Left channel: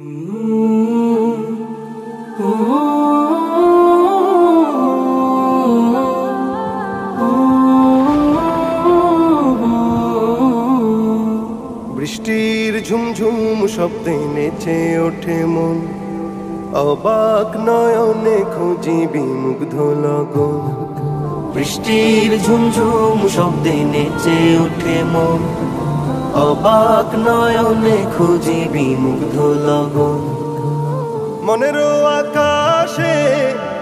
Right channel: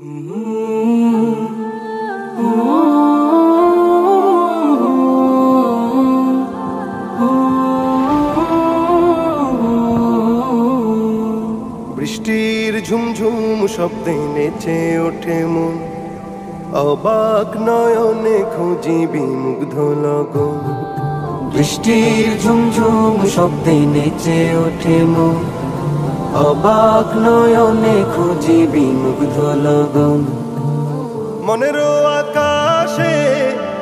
বৃষ্টির ঝুমঝুম শব্দে নেচে ওঠে মন, অবাক নয়নে খুঁজি বিমুগ্ধ লগন। বৃষ্টির ঝুমঝুম শব্দে নেচে ওঠে মন, অবাক নয়নে খুঁজি বিমুগ্ধ লগন। মনের আকাশে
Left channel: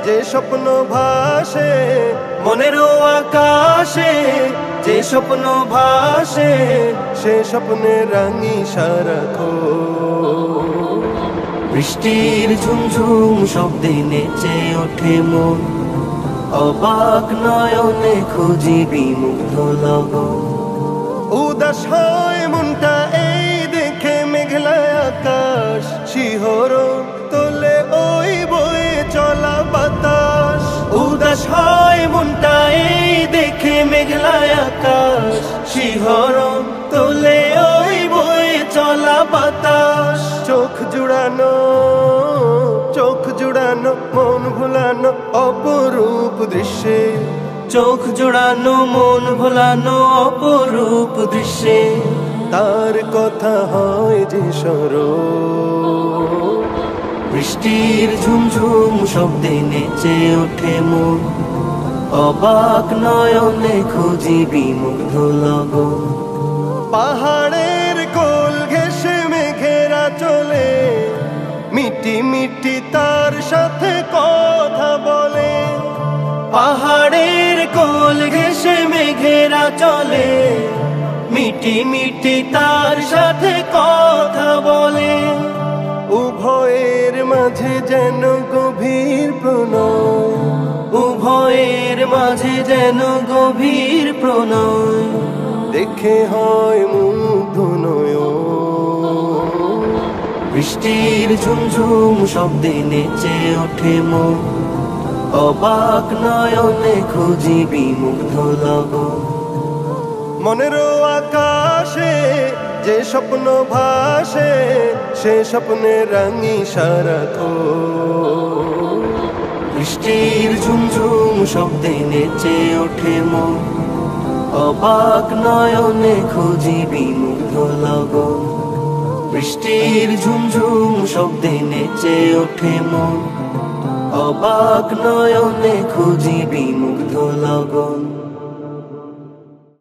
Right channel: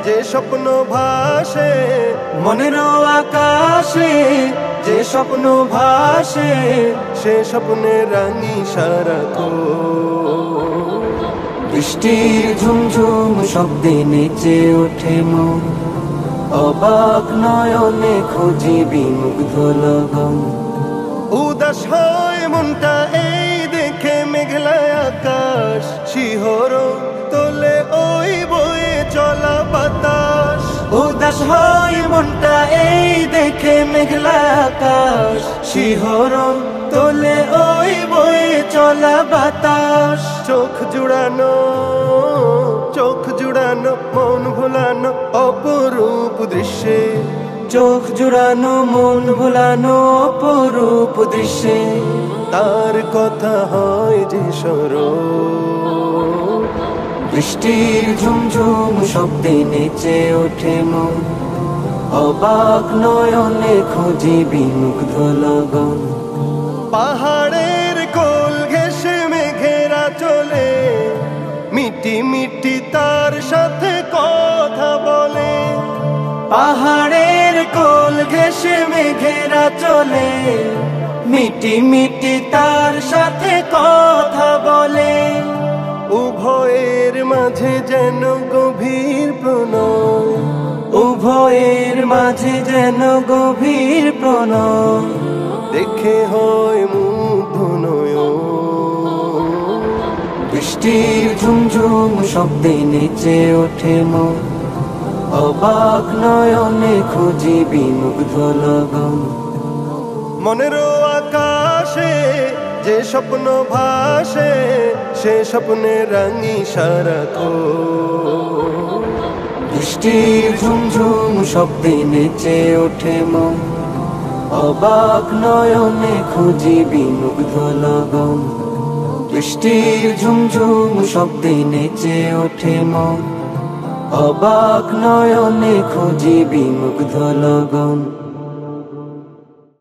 যে স্বপ্ন ভাসে, মনের আকাশে যে স্বপ্ন ভাসে, সে স্বপ্নে রাঙি সারাক্ষণ। বৃষ্টির ঝুমঝুম শব্দে নেচে ওঠে মন, অবাক নয়নে খুঁজি বিমুগ্ধ লগন। উদাস হয় মনটা এই দেখে মেঘলা আকাশ, শিহরণ তোলে ওই বয়ে চলা বাতাস। উদাস হয় মনটা এই দেখে মেঘলা আকাশ, শিহরণ তোলে ওই বয়ে চলা বাতাস। চোখ জুড়ানো মন ভোলানো অপরূপ দৃশ্যে, চোখ জুড়ানো মন ভোলানো অপরূপ দৃশ্যে, তার কথা হয় যে স্মরণ। বৃষ্টির ঝুমঝুম শব্দে নেচে ওঠে মন, অবাক নয়নে খুঁজি বিমুগ্ধ লগন। পাহাড়ের কোল ঘেঁষে মেঘেরা চলে, মিটি মিটি তার সাথে কথা বলে। পাহাড়ের কোল ঘেঁষে মেঘেরা চলে, মিটি মিটি তার সাথে কথা বলে। উভয়ের মাঝে যেন গভীর প্রণয়, উভয়ের মাঝে যেন গভীর প্রণয়, দেখে হয় মুগ্ধ নয়ন। বৃষ্টির ঝুমঝুম শব্দে নেচে ওঠে মন, অবাক নয়নে খুঁজি বিমুগ্ধ লগন। মনের আকাশে যে স্বপ্ন ভাসে, সে স্বপ্নে রাঙি সারাক্ষণ। বৃষ্টির ঝুমঝুম শব্দে নেচে ওঠে মন, অবাক নয়নে খুঁজি বিমুগ্ধ লগন। বৃষ্টির ঝুমঝুম শব্দে নেচে ওঠে মন, অবাক নয়নে খুঁজি বিমুগ্ধ লগন।